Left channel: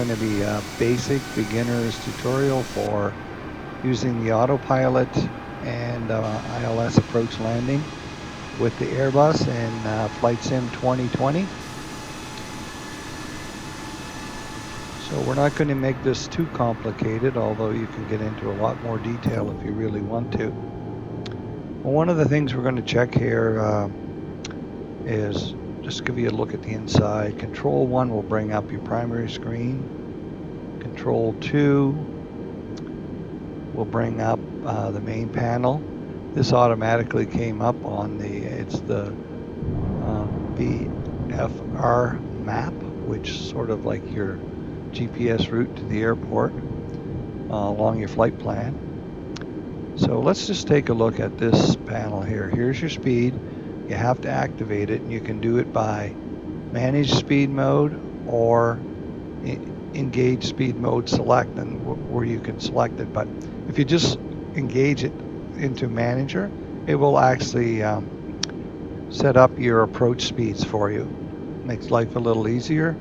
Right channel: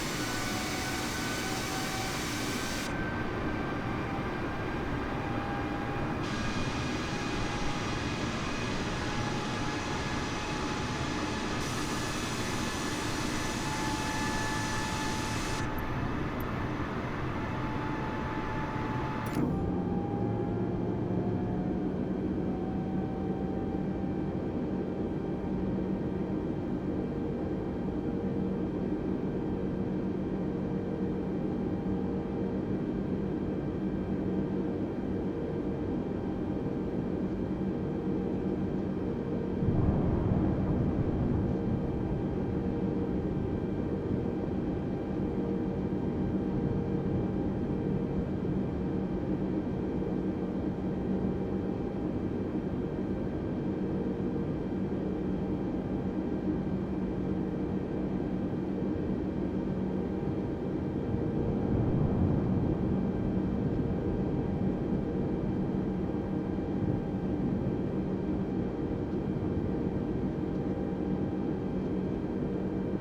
going to be a basic beginner's tutorial for using the Autopilot and ILS approach landing with the AIRBUS in Flight Sim 2020. So we're not going to make this too complicated, although you can get into a lot more detail if you really want to. Well, one of the things we're going to check here is just give you a look at the inside. Control 1 will bring up your primary screen. Control 2 will bring up the main panel. This automatically came up on it's the VFR map, which is sort of like your GPS route to the airport along your flight plan. So let's just take a look at this panel here. Here's your speed. You have to activate it. You can do it by manage speed mode or engage speed mode select, and where you can select it. But if you just engage it into manager, it will actually set up your approach speeds for you. Makes life a little easier.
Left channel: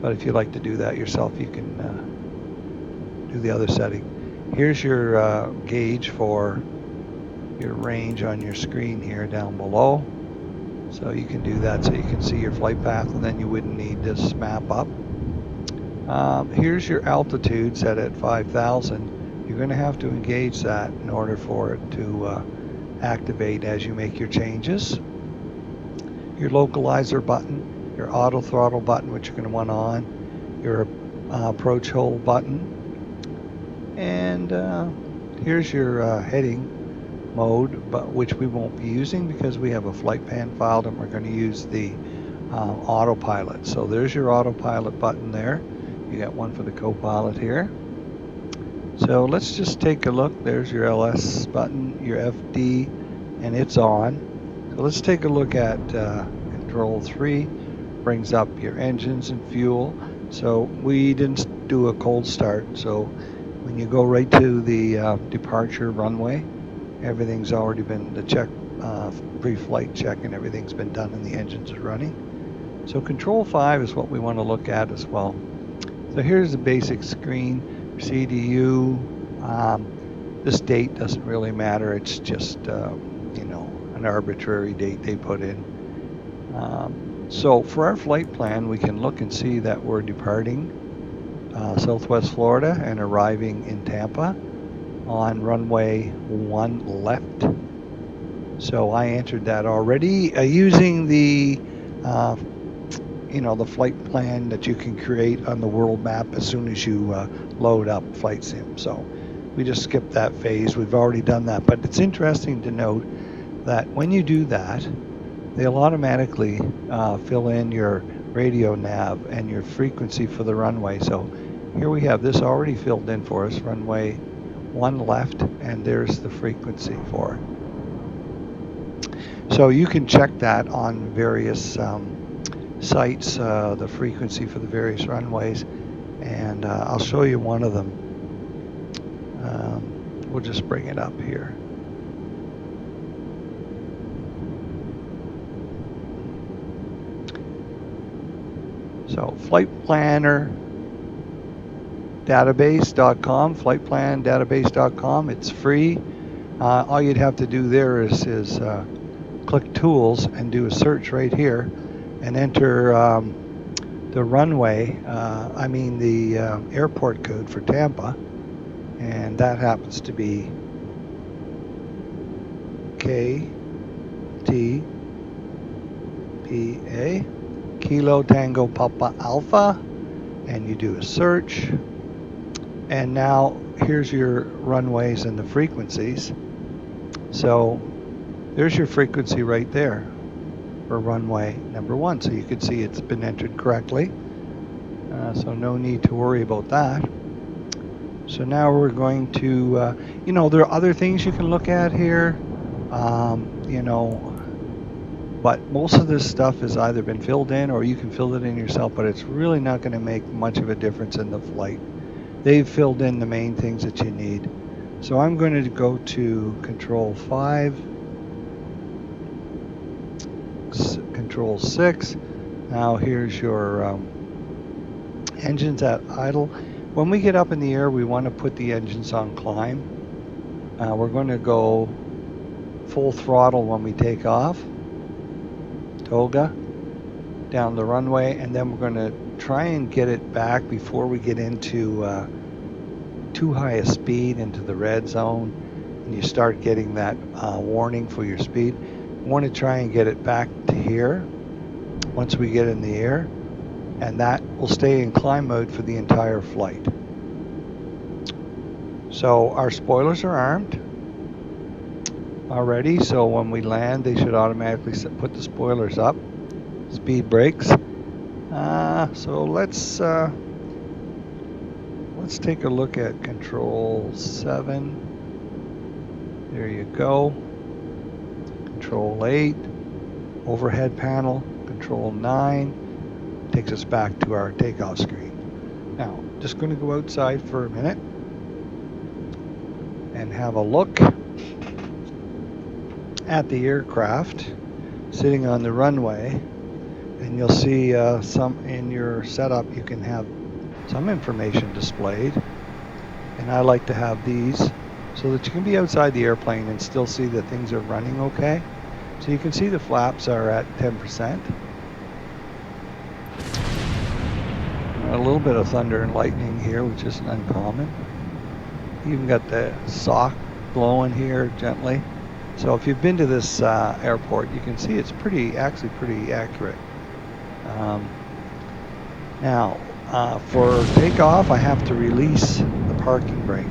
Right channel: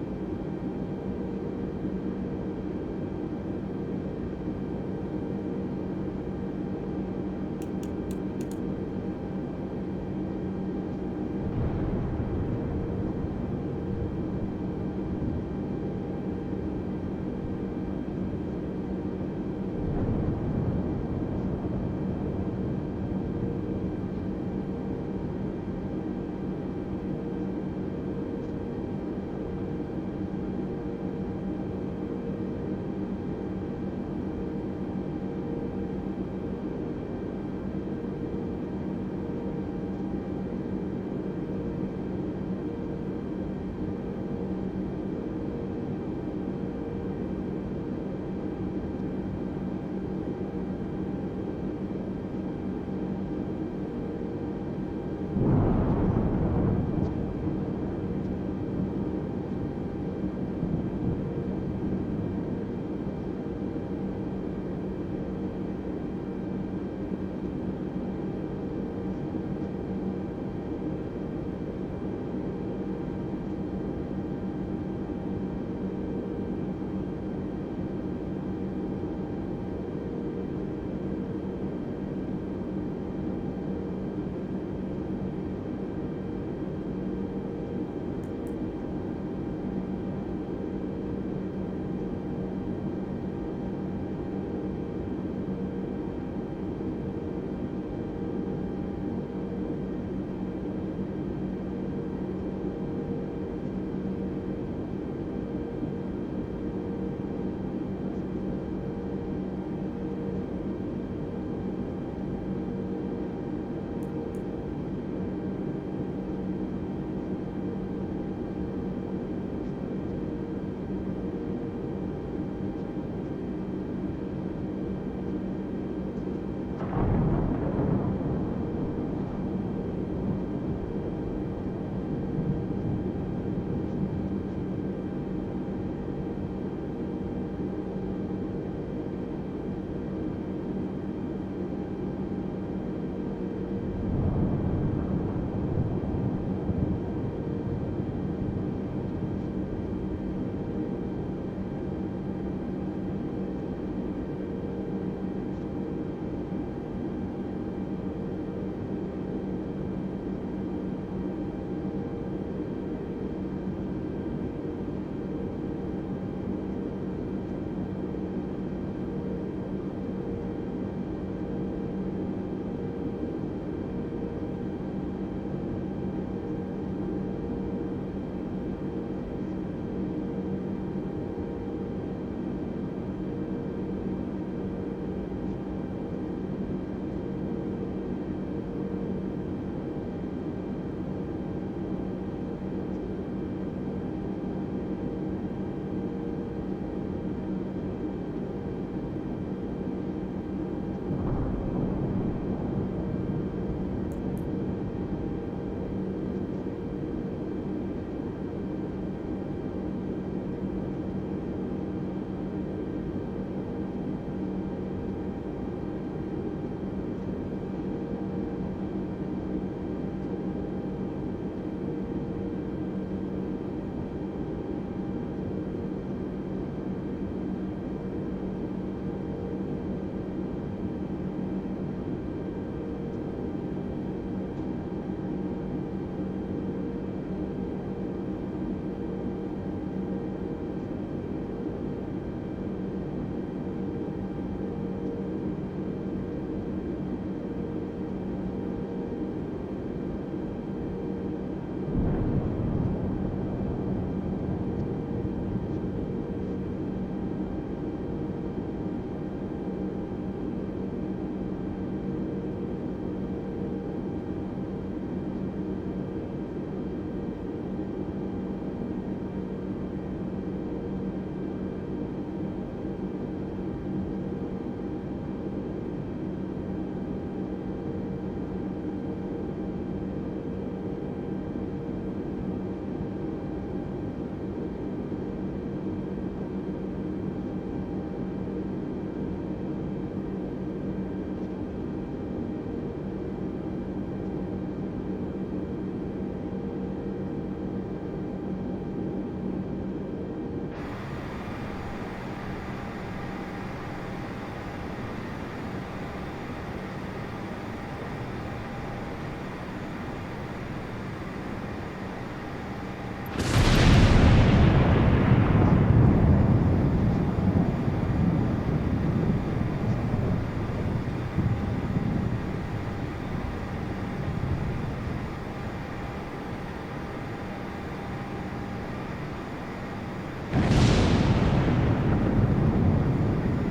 But if you like to do that yourself, you can do the other setting. Here's your gauge for your range on your screen here down below. So you can do that so you can see your flight path, and then you wouldn't need this map up. Here's your altitude set at 5,000. You're going to have to engage that in order for it to activate as you make your changes. Your localizer button, your auto throttle button, which you're going to want on, your approach hold button, and here's your heading mode, but which we won't be using because we have a flight plan filed and we're going to use the autopilot. So there's your autopilot button there. You got one for the co-pilot here. So let's just take a look. There's your LS button, your FD, and it's on. So let's take a look at Control 3. Brings up your engines and fuel. So we didn't do a cold start. So when you go right to the departure runway, everything's already been the check, pre-flight check, and everything's been done and the engines are running. So Control 5 is what we want to look at as well. So here's the basic screen, CDU. This date doesn't really matter. It's just, an arbitrary date they put in. So for our flight plan, we can look and see that we're departing Southwest Florida and arriving in Tampa on runway 1 left. So I entered that already using the the flight plan that you can create on the world map as soon as you load up Flight Sim. So we just skipped that phase. We've already done that, but it's interesting to note that when you do that, they'll automatically fill in your radio nav and your frequency for the runway. So here we have this already filled in for us, runway 1 left, and there's the frequency for it. So you can check that on various sites, the frequency for the various runways, and I'll show you one of them. We'll just bring it up here. So flight planner database.com, flightplandatabase.com. It's free. All you'd have to do there is click tools and do a search right here and enter the runway, the airport code for Tampa, and that happens to be KTPA, Kilo Tango Papa Alpha, and you do a search. And now here's your runways and the frequencies. So there's your frequency right there for runway number 1. So you can see it's been entered correctly. So no need to worry about that. So now we're going to, there are other things you can look at here, but most of this stuff has either been filled in or you can fill it in yourself, but it's really not going to make much of a difference in the flight. They've filled in the main things that you need. So I'm going to go to Control 5, Control 6. Now here's your Engines at idle. When we get up in the air, we want to put the engines on climb. We're going to go full throttle when we take off, toga, down the runway, and then we're going to try and get it back before we get into too high a speed, into the red zone, and you start getting that warning for your speed. We want to try and get it back to here once we get in the air, and that will stay in climb mode for the entire flight. So our spoilers are armed already, so when we land they should automatically put the spoilers up. Speed brakes. So let's take a look at control 7. There you go. Control 8, overhead panel. Control 9 takes us back to our takeoff screen. Now, just going to go outside for a minute and have a look at the aircraft sitting on the runway, and you'll see some in your setup. You can have some information displayed, and I like to have these so that you can be outside the airplane and still see that things are running okay. So you can see the flaps are at 10%. A little bit of thunder and lightning here, which is uncommon. You've got the sock blowing here gently. So if you've been to this airport, you can see it's actually pretty accurate. Now, for takeoff, I have to release the parking brake.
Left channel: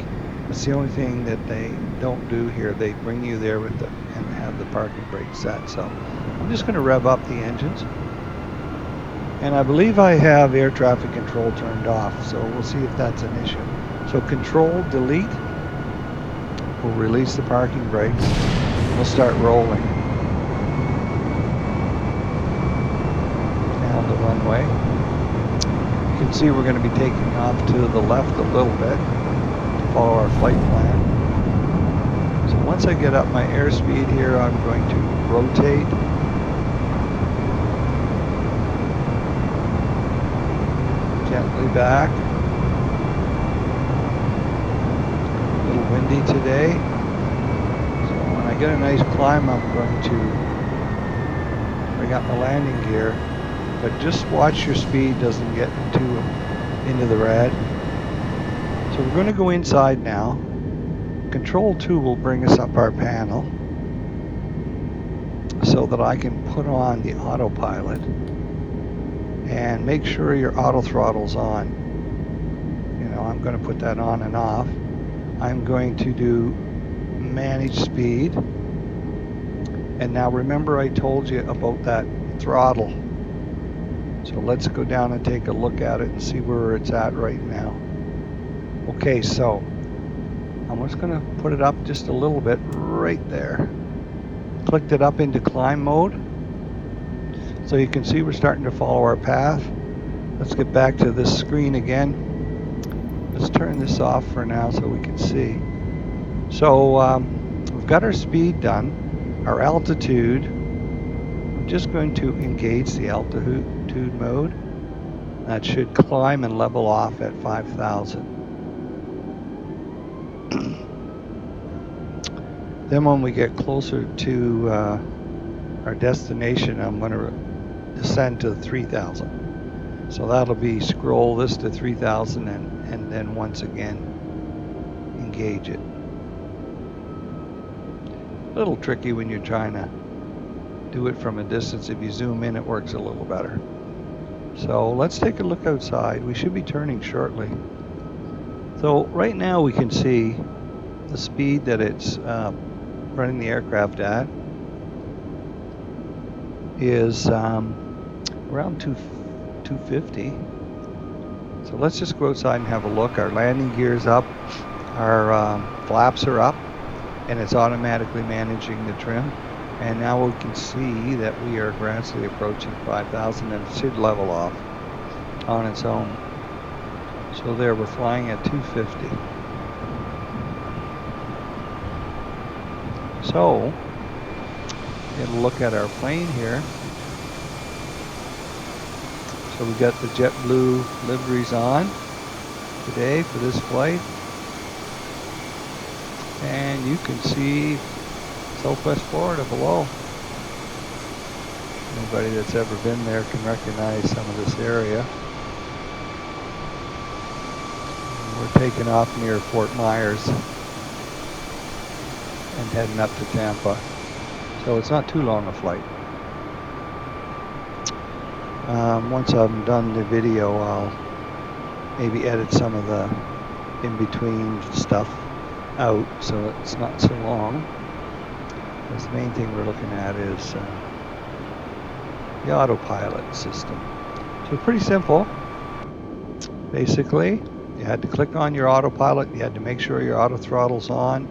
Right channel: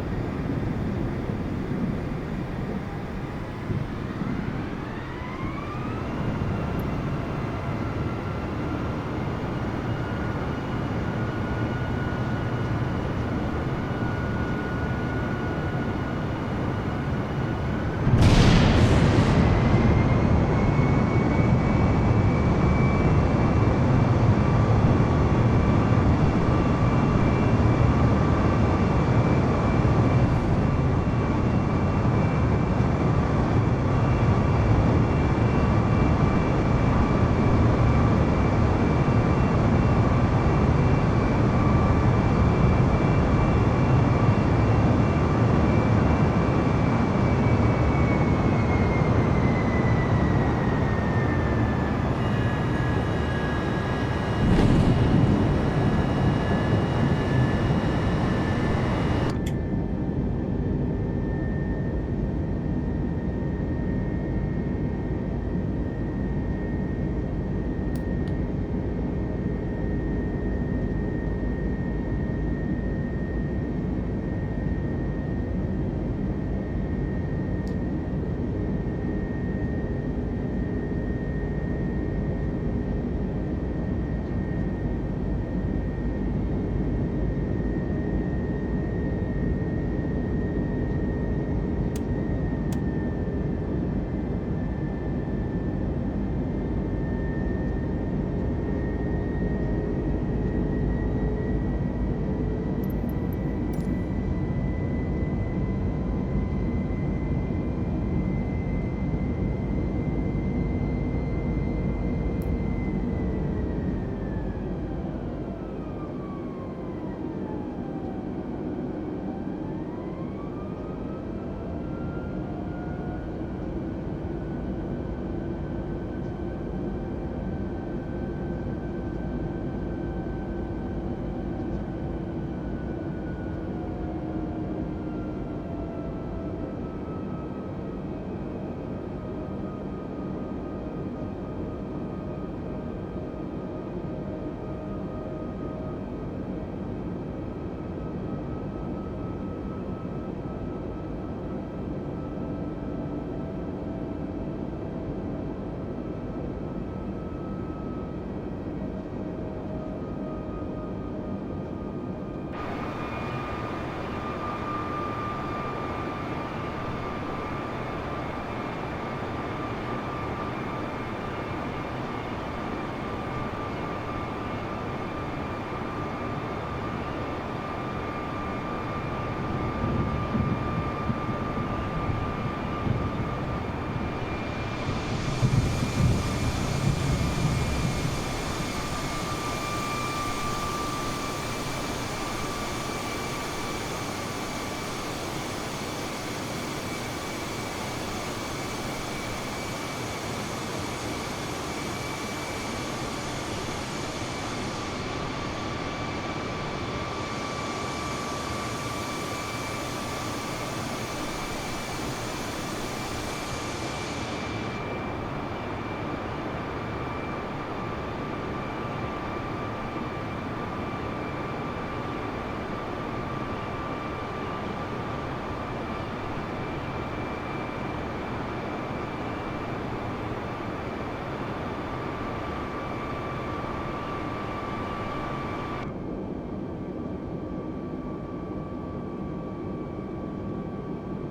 It's the only thing that they don't do here. They bring you there with and have the parking brake set. So I'm just going to rev up the engines. And I believe I have air traffic control turned off, so we'll see if that's an issue. So control, delete, will release the parking brake. We'll start rolling on the runway. You can see we're going to be taking off to the left a little bit, follow our flight plan. So once I get up my airspeed here, I'm going to rotate. Gently back. Windy today. So when I get a nice climb, I'm going to bring up my landing gear. But just watch your speed doesn't get into the red. So we're going to go inside now. Control 2 will bring us up our panel so that I can put on the autopilot and make sure your auto throttle's on. You know, I'm going to put that on and off. I'm going to do manage speed. And now remember I told you about that throttle. So let's go down and take a look at it and see where it's at right now. Okay, so I'm just going to put it up just a little bit right there. Clicked it up into climb mode. So you can see we're starting to follow our path. Let's get back to this screen again. Let's turn this off for now so we can see. So we've got our speed done, our altitude. I'm just going to engage the altitude mode. That should climb and level off at 5,000. Then when we get closer to our destination, I'm going to descend to 3,000. So that'll be scroll this to 3,000 and then once again engage it. A little tricky when you're trying to do it from a distance. If you zoom in, it works a little better. So let's take a look outside. We should be turning shortly. So right now we can see the speed that it's running the aircraft at is around 250. So let's just go outside and have a look. Our landing gear's up, our flaps are up, and it's automatically managing the trim. And now we can see that we are gradually approaching 5,000 and it should level off on its own. So there, we're flying at 250. So, get a look at our plane here. So we've got the JetBlue liveries on today for this flight. And you can see Southwest Florida below. Anybody that's ever been there can recognize some of this area. We're taking off near Fort Myers and heading up to Tampa. So it's not too long a flight. Once I'm done the video, I'll maybe edit some of the in-between stuff out so it's not so long. The main thing we're looking at is the autopilot system. So pretty simple. Basically, you had to click on your autopilot. You had to make sure your auto throttle's on.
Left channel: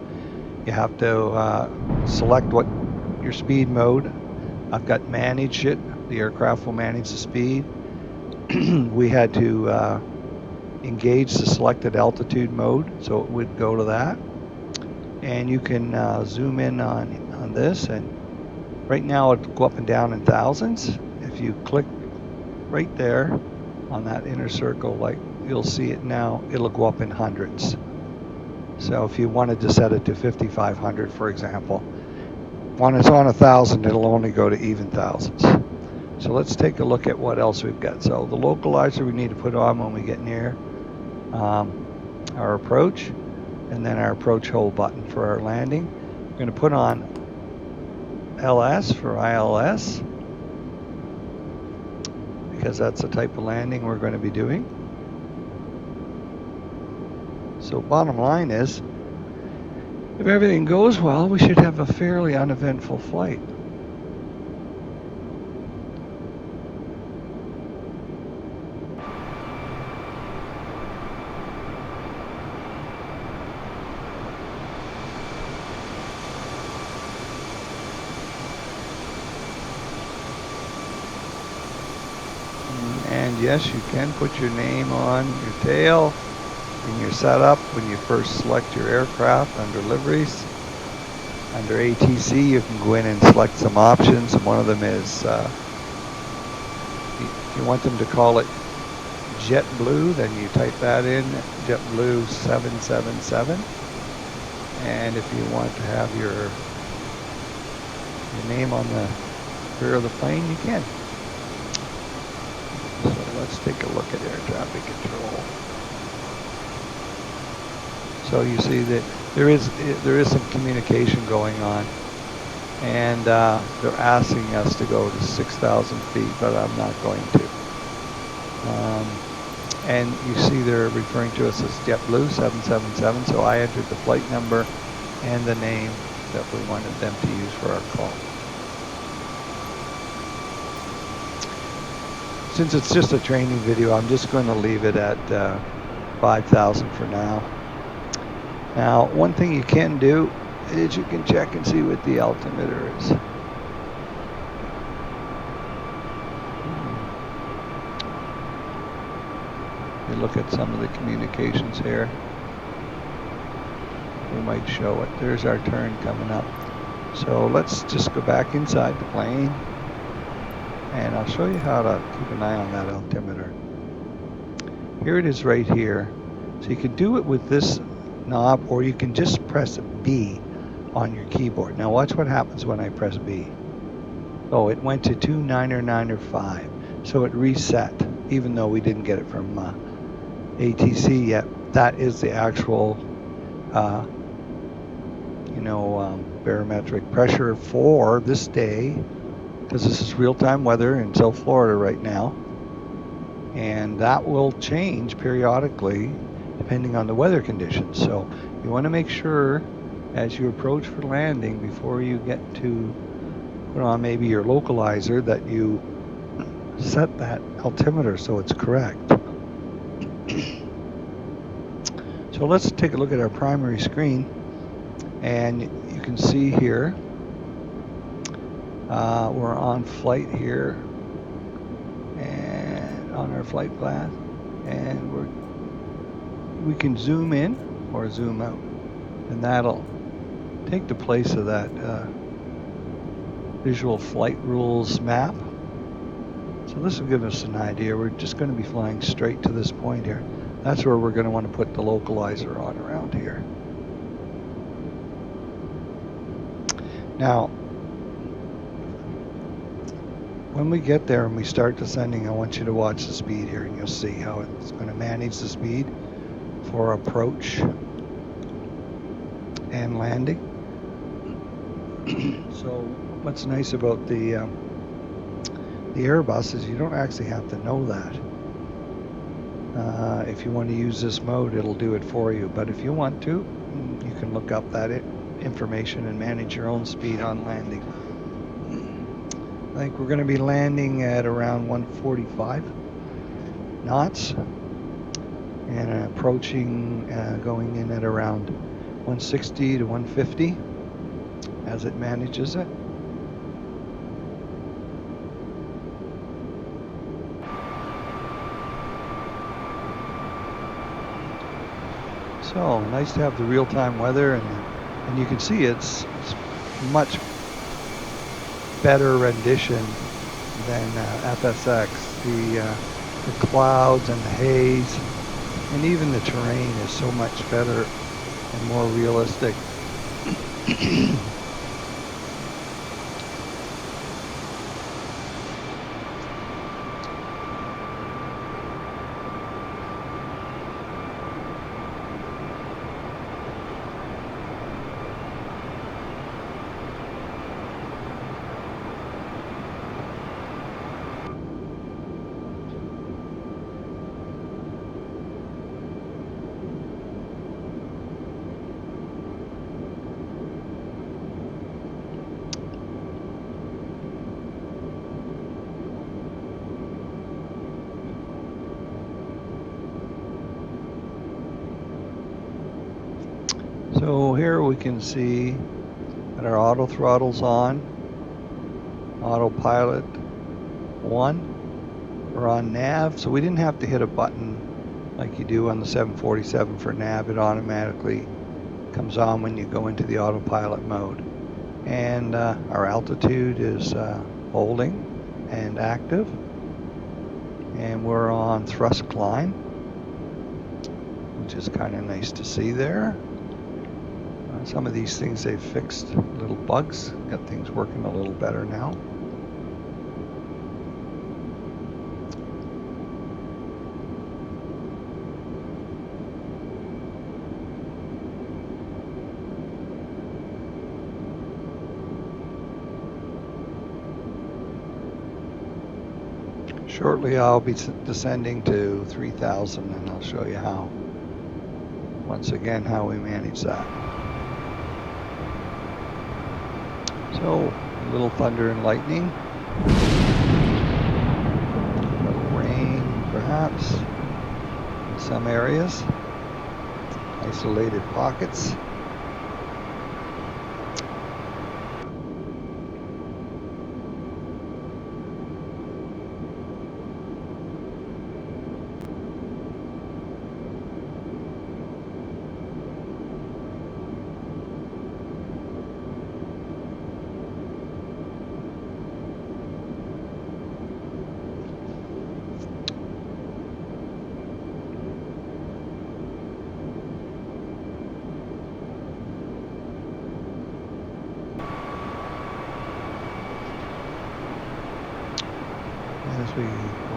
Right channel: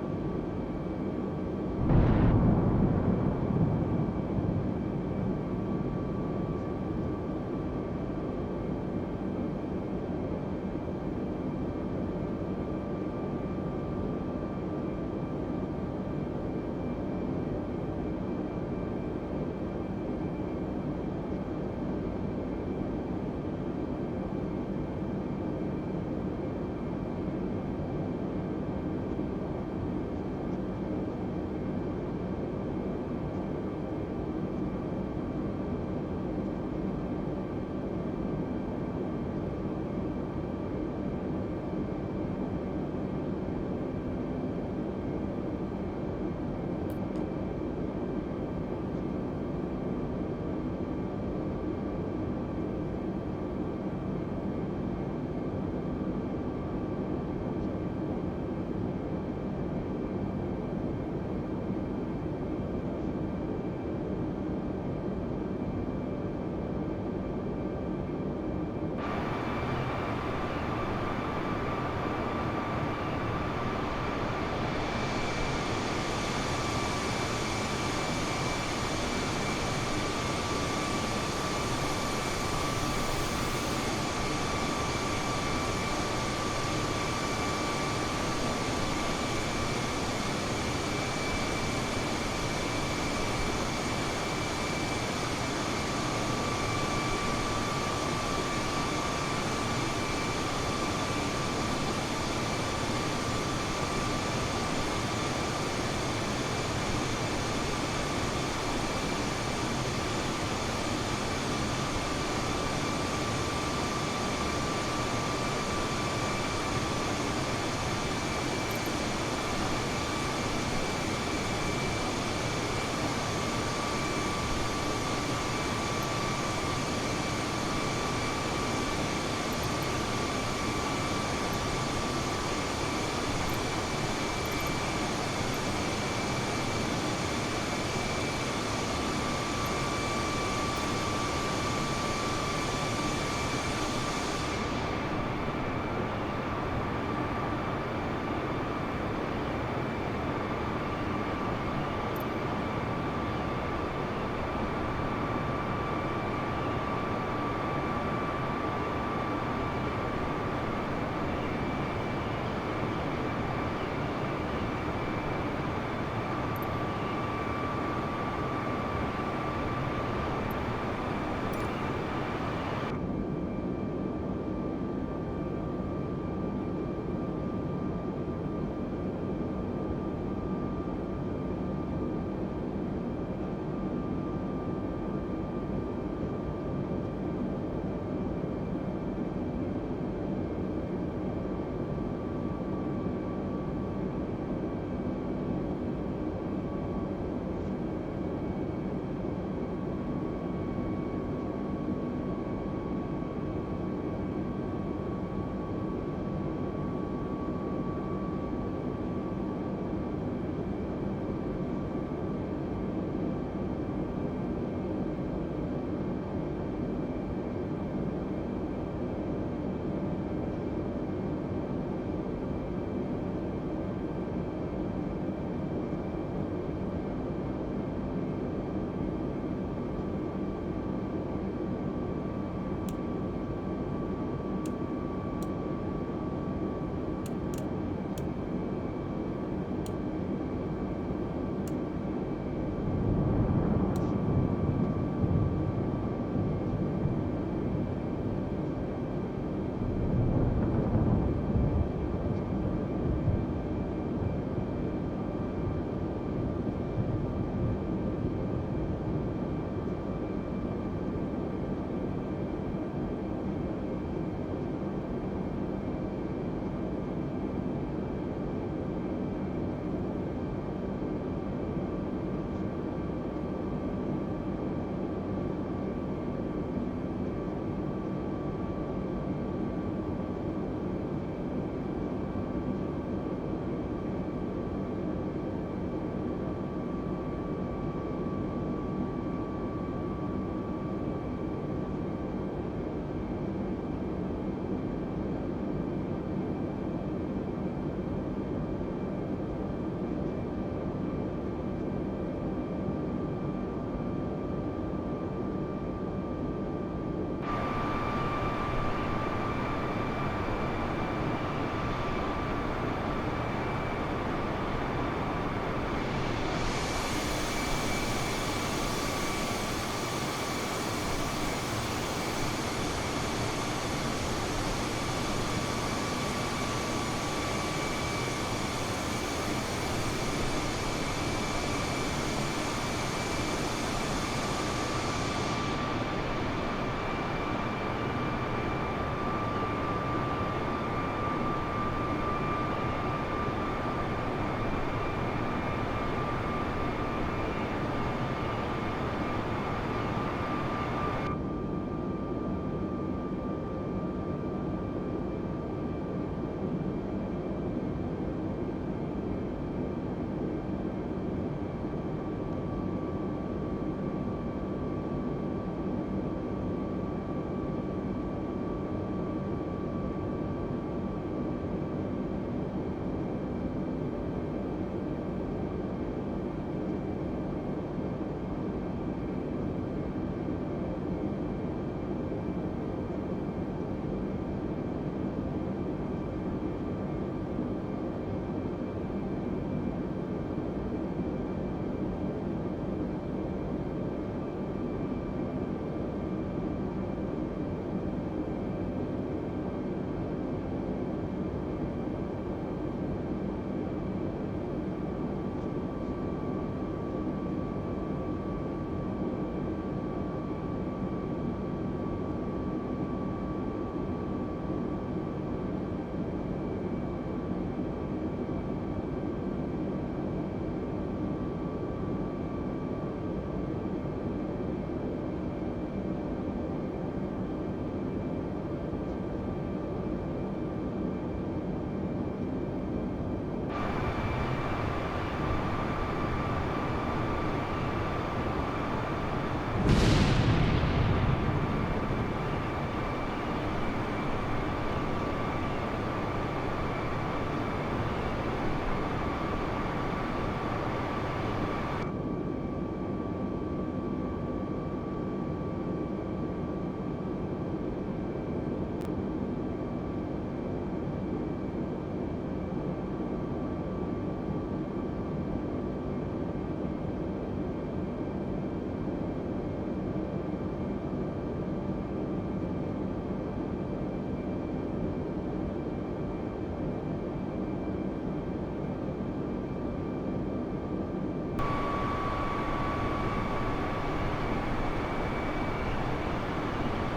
You have to select what your speed mode. I've got manage it. The aircraft will manage the speed. We had to engage the selected altitude mode, so it would go to that. And you can zoom in on this, and right now it'll go up and down in thousands. If you click right there on that inner circle, like you'll see it now, it'll go up in hundreds. So if you wanted to set it to 5,500, for example, when it's on 1,000, it'll only go to even thousands. So let's take a look at what else we've got. So the localizer we need to put on when we get near our approach, and then our approach hold button for our landing. We're going to put on LS for ILS, because that's the type of landing we're going to be doing. So bottom line is, if everything goes well, we should have a fairly uneventful flight. And yes, you can put your name on your tail when you're set up, when you first select your aircraft under liveries. Under ATC, you can go in and select some options. One of them is you want them to call it JetBlue, then you type that in, JetBlue 777. And if you want to have your name on the rear of the plane, you can. So let's take a look at air traffic control. So you see that there is some communication going on, and they're asking us to go to 6,000 feet, but I'm not going to. And you see they're referring to us as JetBlue 777, so I entered the flight number and the name that we wanted them to use for our call. Since it's just a training video, I'm just going to leave it at 5,000 for now. Now, one thing you can do is you can check and see what the altimeter is. You look at some of the communications here. We might show it. There's our turn coming up. So let's just go back inside the plane, and I'll show you how to keep an eye on that altimeter. Here it is right here. So you can do it with this knob, or you can just press B on your keyboard. Now watch what happens when I press B. Oh, it went to 2995, so it reset, even though we didn't get it from ATC yet. That is the actual barometric pressure for this day, because this is real-time weather in South Florida right now, and that will change periodically depending on the weather conditions. So you want to make sure as you approach for landing, before you get to put on maybe your localizer, that you set that altimeter so it's correct. So let's take a look at our primary screen, and you can see here we're on flight here and on our flight plan, and we can zoom in or zoom out, and that'll take the place of that visual flight rules map. So this will give us an idea. We're just going to be flying straight to this point here. That's where we're going to want to put the localizer on around here. Now, when we get there and we start descending, I want you to watch the speed here, and you'll see how it's going to manage the speed for approach and landing. So what's nice about the AIRBUS is you don't actually have to know that. If you want to use this mode, it'll do it for you. But if you want to, you can look up that information and manage your own speed on landing. I think we're going to be landing at around 145 knots and approaching, going in at around 160 to 150 as it manages it. So nice to have the real-time weather, and you can see it's much better rendition than FSX. The clouds and the haze, and even the terrain is so much better and more realistic. So here we can see that our auto throttle's on, Autopilot 1. We're on nav, so we didn't have to hit a button like you do on the 747 for nav. It automatically comes on when you go into the autopilot mode. And our altitude is holding and active. And we're on thrust climb, which is kind of nice to see there. Some of these things they've fixed little bugs, got things working a little better now. Shortly I'll be descending to 3,000, and I'll show you how, once again, how we manage that. So, little thunder and lightning, rain perhaps, some areas, isolated pockets.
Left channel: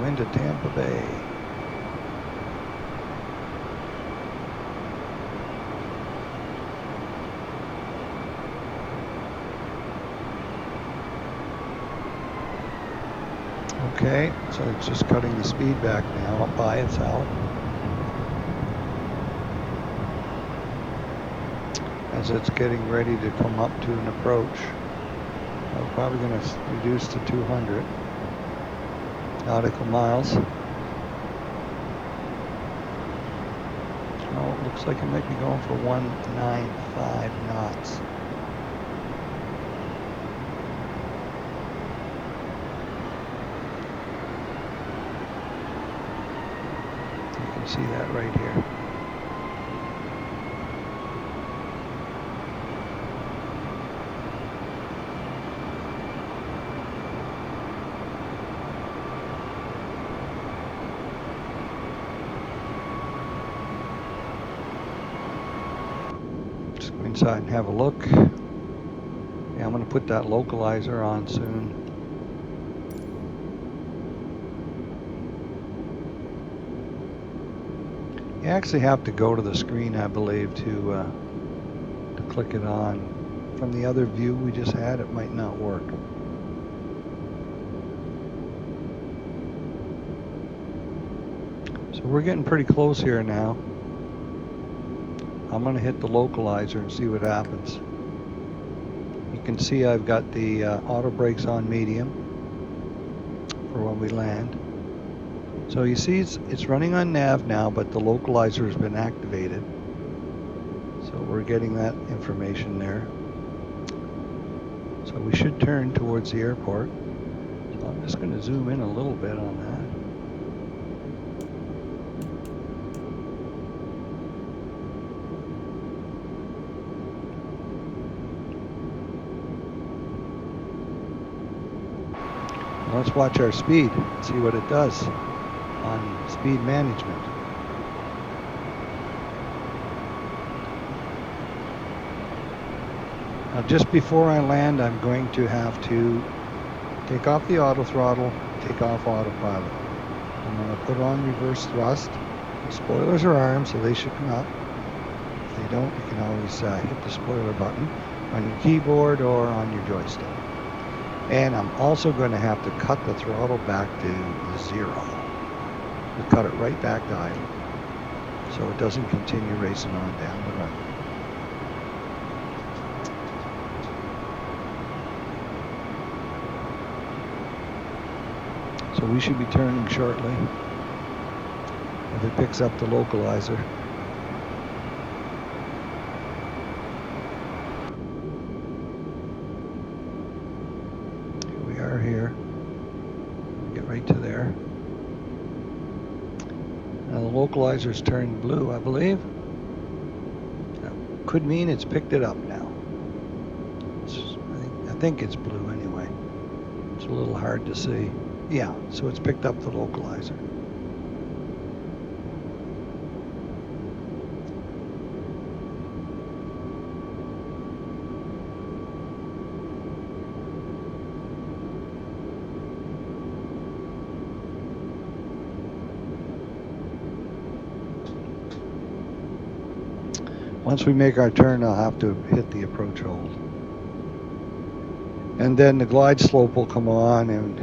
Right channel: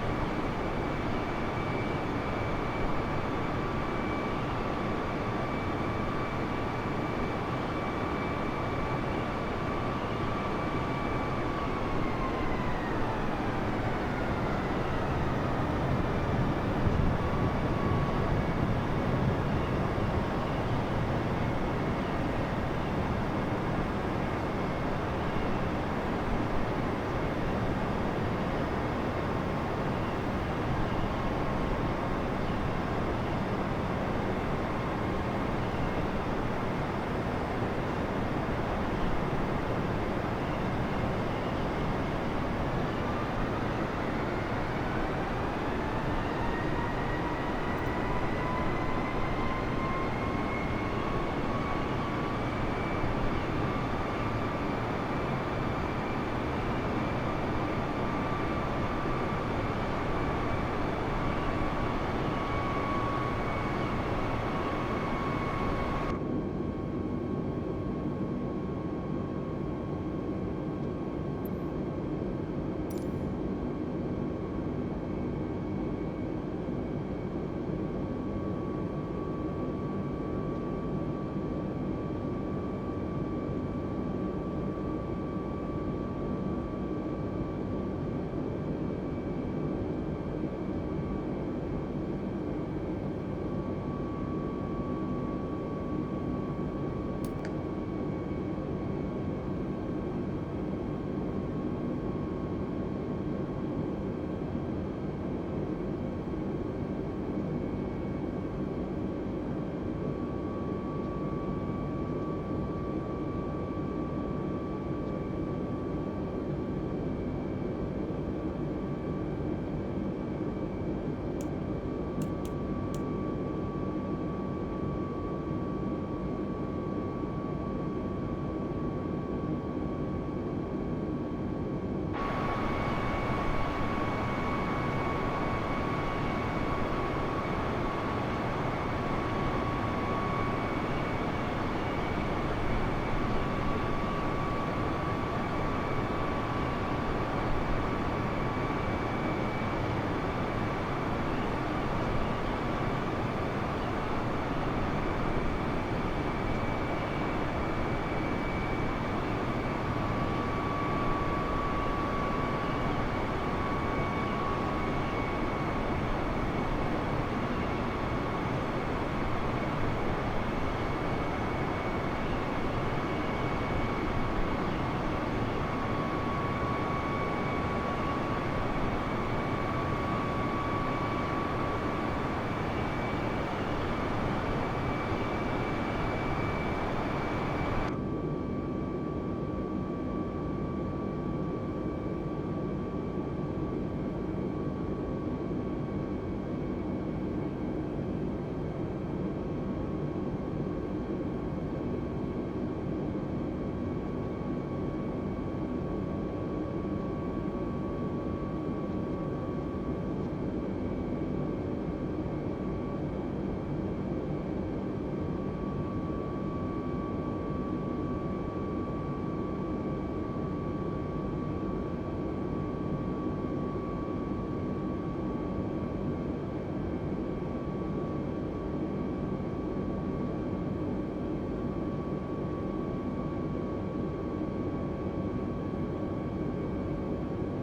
To Tampa Bay. Okay, so it's just cutting the speed back now by itself. As it's getting ready to come up to an approach. I'm probably going to reduce to 200 nautical miles. So it looks like it might be going for 195 knots. See that right here. inside and have a look. Yeah, I'm going to put that localizer on soon. You actually have to go to the screen, I believe, to click it on. From the other view we just had, it might not work. So we're getting pretty close here now. I'm going to hit the localizer and see what happens. You can see I've got the auto brakes on medium for when we land. So you see it's running on nav now, but the localizer has been activated. So we're getting that information there. So we should turn towards the airport. So I'm just going to zoom in a little bit on that. Let's watch our speed and see what it does on speed management. Just before I land, I'm going to have to take off the auto throttle, take off autopilot. I'm going to put on reverse thrust. The spoilers are armed, so they should not. If you don't, you can always hit the spoiler button on your keyboard or on your joystick. And I'm also going to have to cut the throttle back to 0. Cut it right back to idle, so it doesn't continue racing on down the road. So we should be turning shortly. If it picks up the localizer. We are here. Get right to there. Now the localizer's turned blue, I believe. Could mean it's picked it up now. I think it's blue anyway. It's a little hard to see. Yeah, so it's picked up the localizer. Once we make our turn, I'll have to hit the approach hold. And then the glide slope will come on, and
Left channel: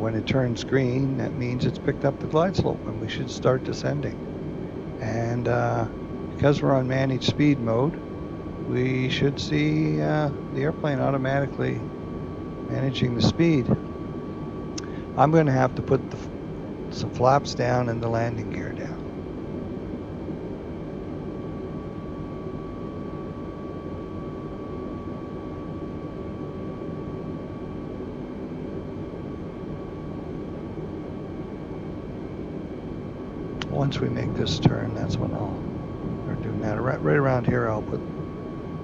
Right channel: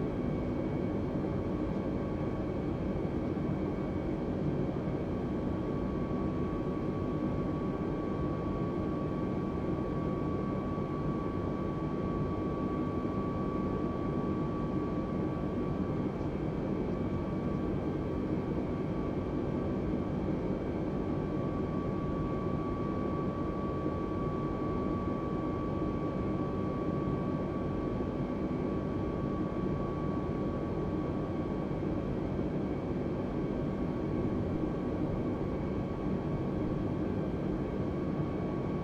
when it turns green, that means it's picked up the glide slope and we should start descending. And because we're on managed speed mode, we should see the airplane automatically managing the speed. I'm going to have to put some flaps down and the landing gear down. Once we make this turn, that's when I'll do that. Right around here, I'll put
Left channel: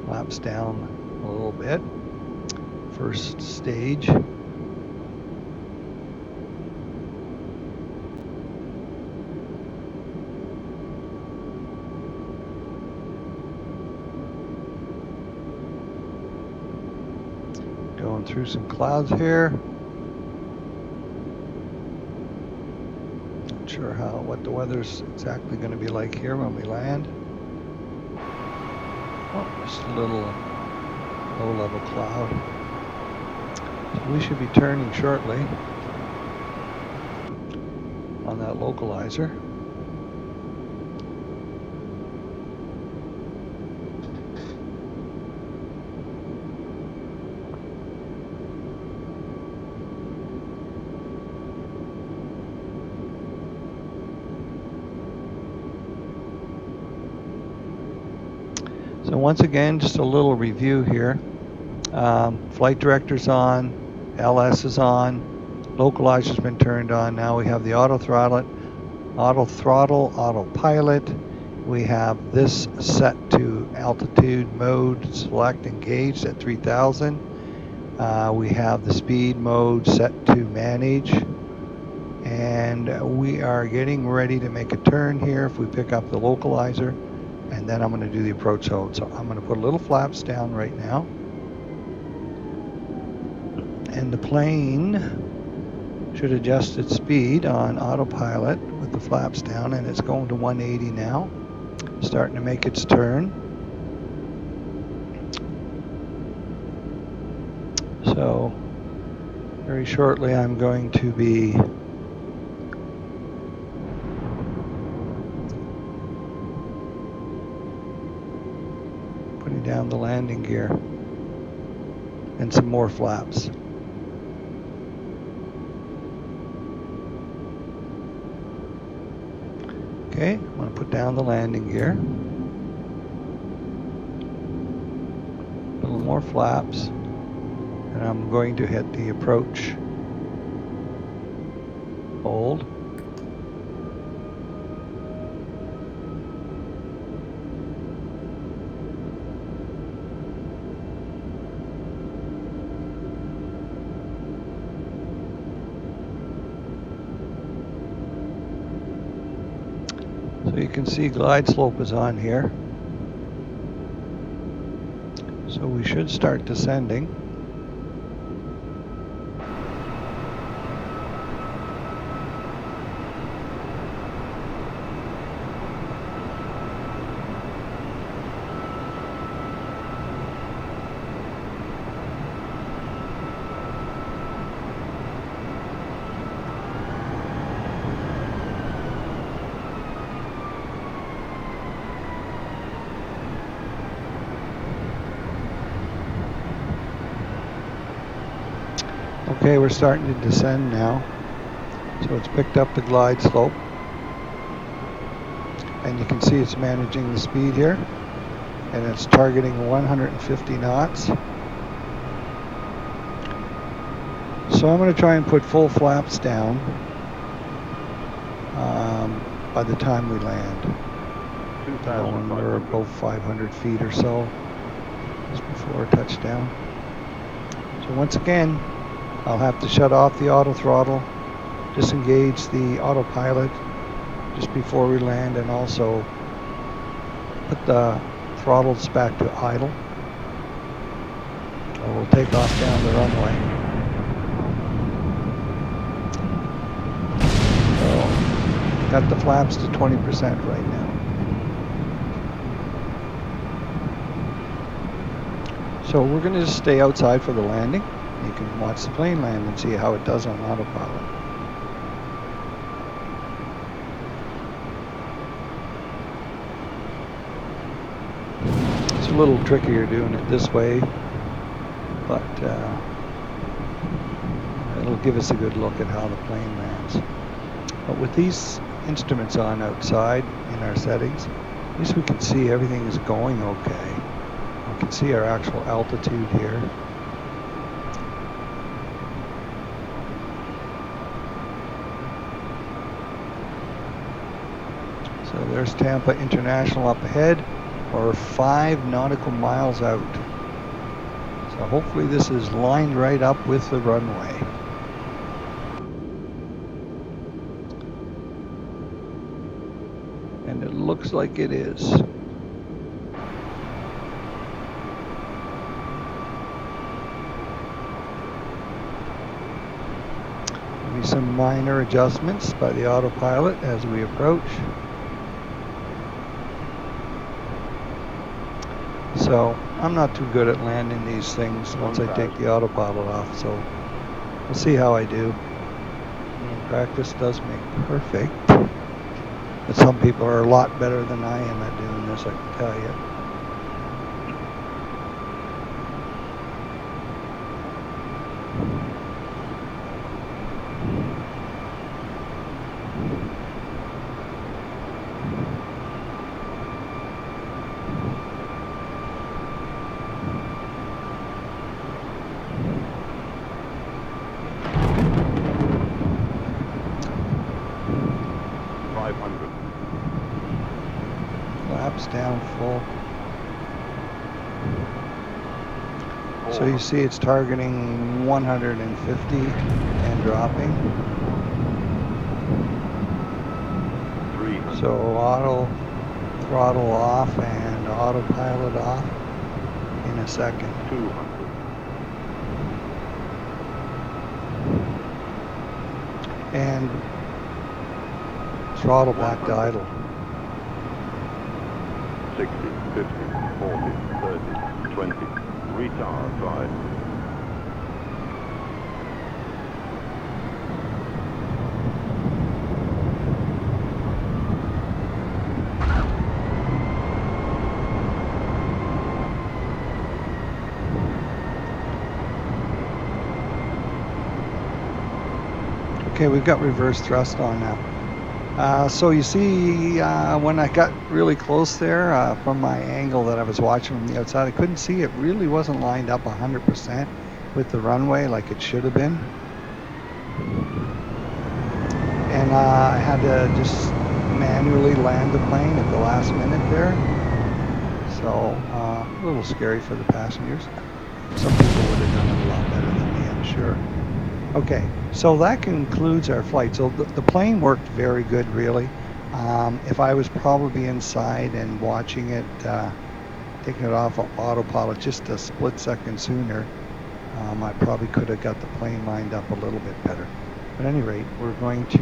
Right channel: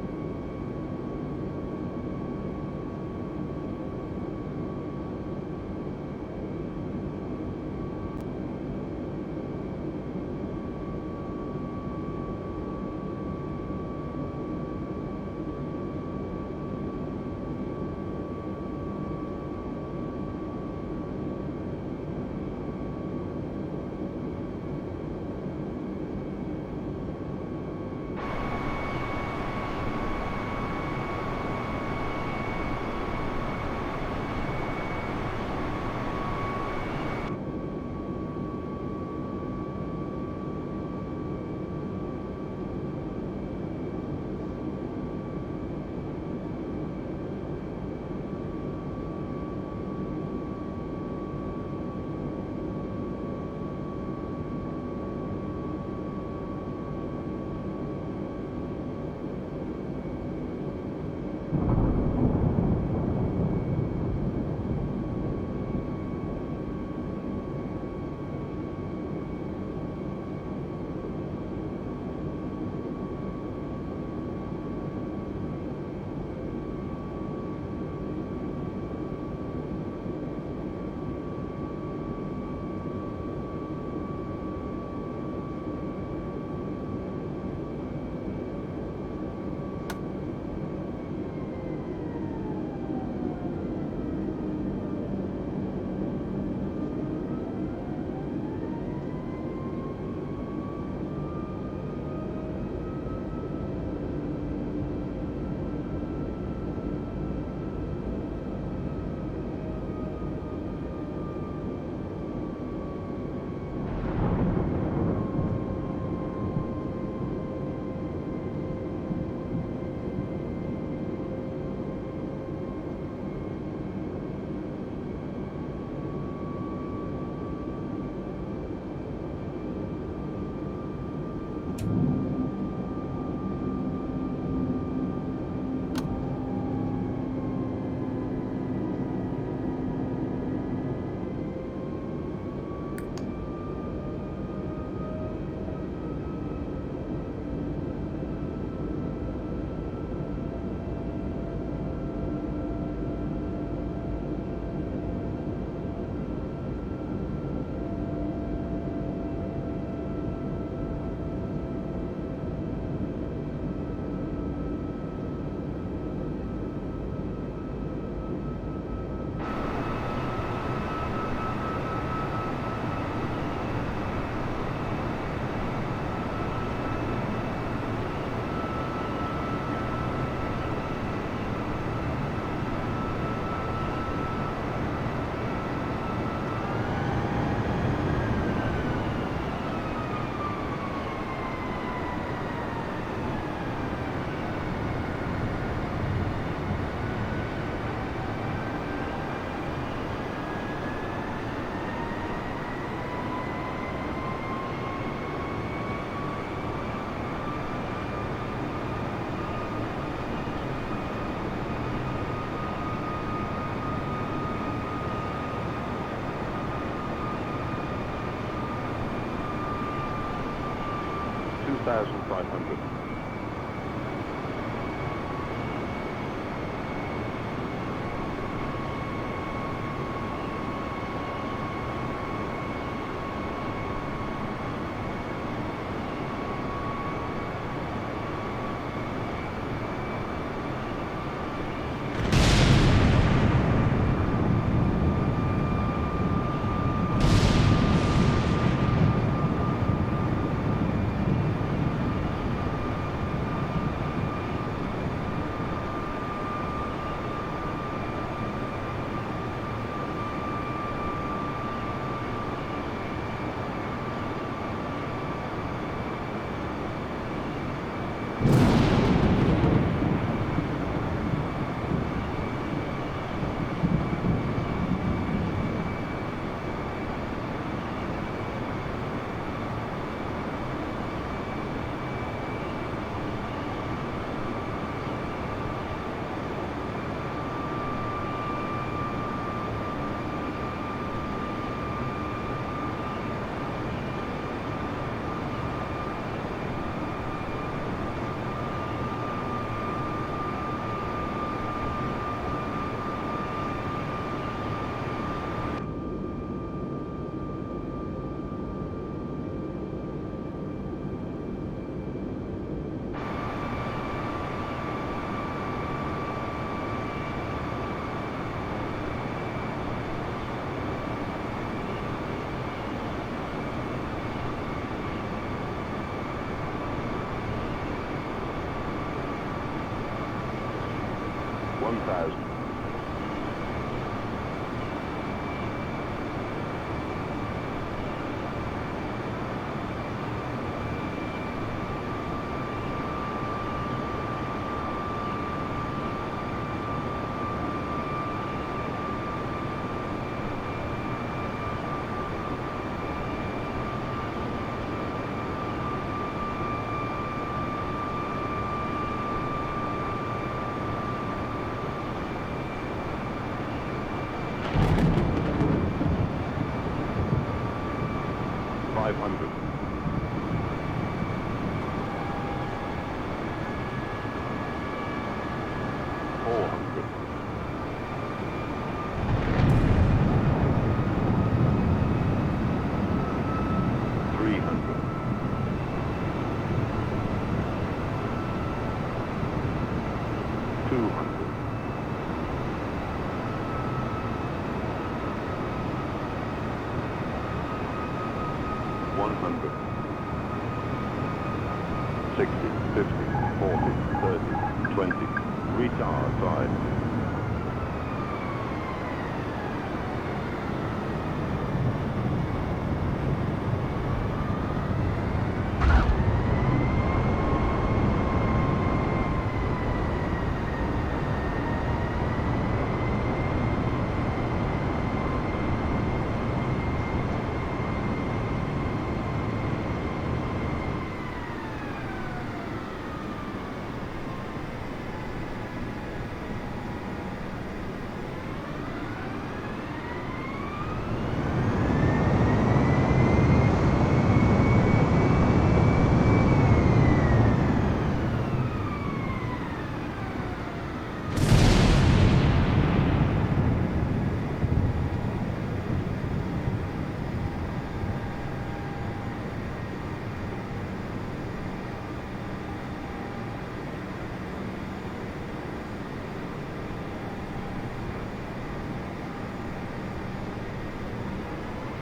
flaps down a little bit. First stage. Going through some clouds here. Not sure what the weather's exactly going to be like here when we land. Oh, just a little low-level cloud. We should be turning shortly on that localizer. So once again, just a little review here. Flight director's on, LS is on, localizer's been turned on. Now we have the auto throttle, autopilot. We have this set to altitude mode, select engaged at 3000. We have the speed mode set to manage. And we are getting ready to make a turn here if we pick up the localizer. and then I'm going to do the approach zone. So I'm going to put little flaps down right now. And the plane should adjust its speed on autopilot with the flaps down, and it's going to 180 now, starting to make its turn. So very shortly I'm going to be putting down the landing gear and some more flaps. Okay, I'm going to put down the landing gear. A little more flaps. And I'm going to hit the approach. Hold. So you can see glide slope is on here. So we should start descending. Okay, we're starting to descend now. So it's picked up the glide slope. And you can see it's managing the speed here. And it's targeting 150 knots. So I'm going to try and put full flaps down by the time we land. 2,500. Go 500 feet or so just before touchdown. So once again, I'll have to shut off the auto throttle, disengage the autopilot just before we land, and also put the throttles back to idle. And we'll take off down the runway. So, got the flaps to 20% right now. So we're going to just stay outside for the landing. You can watch the plane land and see how it does on autopilot. It's a little trickier doing it this way, but it'll give us a good look at how the plane lands. But with these instruments on outside in our settings, at least we can see everything is going okay. We can see our actual altitude here. There's Tampa International up ahead. We're 5 nautical miles out. So hopefully this is lined right up with the runway. And it looks like it is. Some minor adjustments by the autopilot as we approach. So I'm not too good at landing these things once I take the autopilot off, so we'll see how I do. Practice does make perfect. But some people are a lot better than I am at doing this, I can tell you. 500. Flaps down full. So you see it's targeting 150 and dropping. 300. So auto throttle off and autopilot off in a second. 200. And throttle back to 100. idle. 60, 50, 40, 30, 20. Retard side. Okay, we've got reverse thrust on now. So you see, when I got really close there, from my angle that I was watching from the outside, I couldn't see. It really wasn't lined up 100% with the runway like it should have been. And I had to just manually land the plane at the last minute there. So a little scary for the passengers. Sure. Okay, so that concludes our flight. So the plane worked very good, really. If I was probably inside and watching it, taking it off of autopilot just a split second sooner, I probably could have got the plane lined up a little bit better. At any rate, we're going to